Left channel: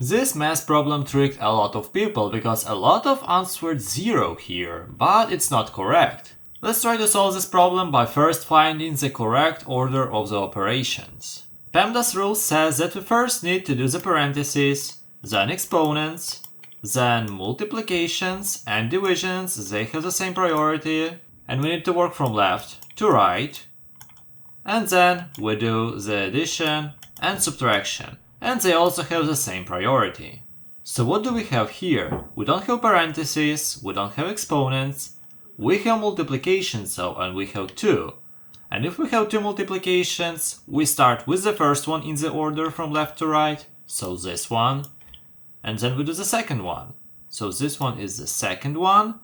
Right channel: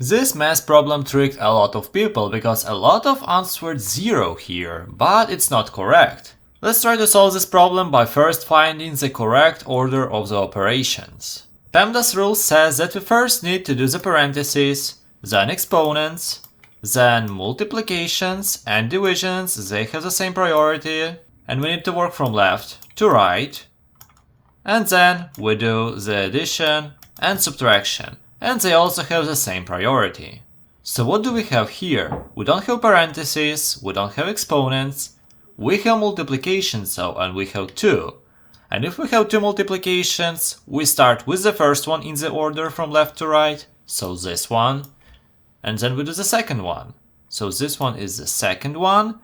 This math problem tricked a lot of people because a lot of answered 0 here, but it's not correct. Let's try to solve this problem by first finding the correct order of the operations. PEMDAS rule says that we first need to do the parentheses, then exponents, then multiplications and divisions, they have the same priority, and we need to work from left to right, and then we do the addition and subtraction, and they also have the same priority. So what do we have here? We don't have parentheses, we don't have exponents, we have multiplications though, and we have 2. And if we have 2 multiplications, we start with the first one in the order from left to right, so this one, and then we do the second one. So this one is the second one,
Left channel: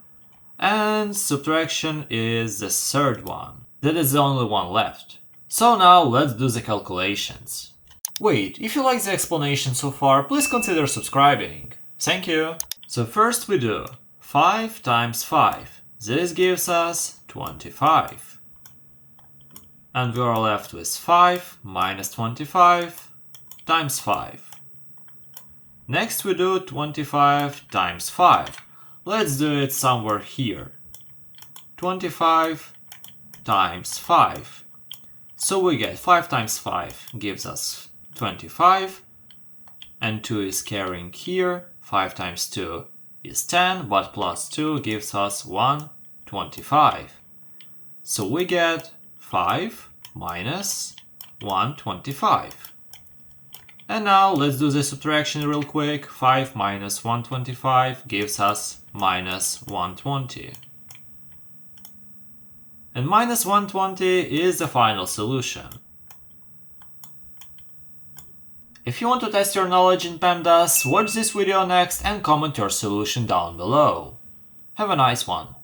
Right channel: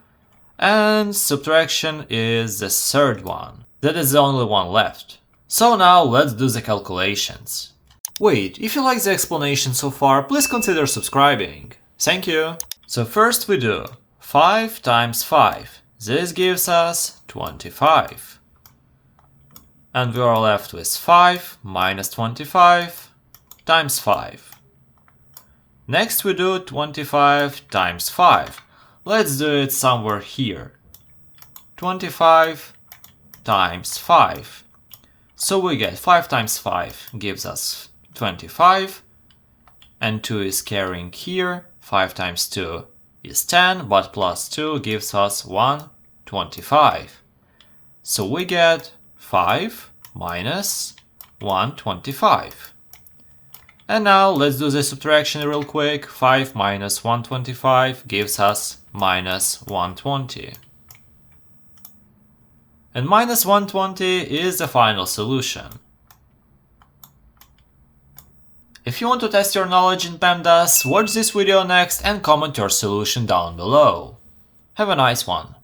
and subtraction is the third one. That is the only one left. So now let's do the calculations. Wait, if you like the explanation so far, please consider subscribing. Thank you! So first we do 5 times 5. This gives us 25. And we are left with 5 minus 25 times 5. Next we do 25 times 5. Let's do it somewhere here. 25 times 5. So we get 5 times 5 gives us 25, and 2 is carrying here. 5 times 2 is 10, but plus 2 gives us 125. So we get 5 minus 125. And now let's do the subtraction real quick. 5 minus 125 gives us minus 120. And minus 120 is the final solution. If you want to test your knowledge in PEMDAS, watch this video next and comment your solution down below. Have a nice one!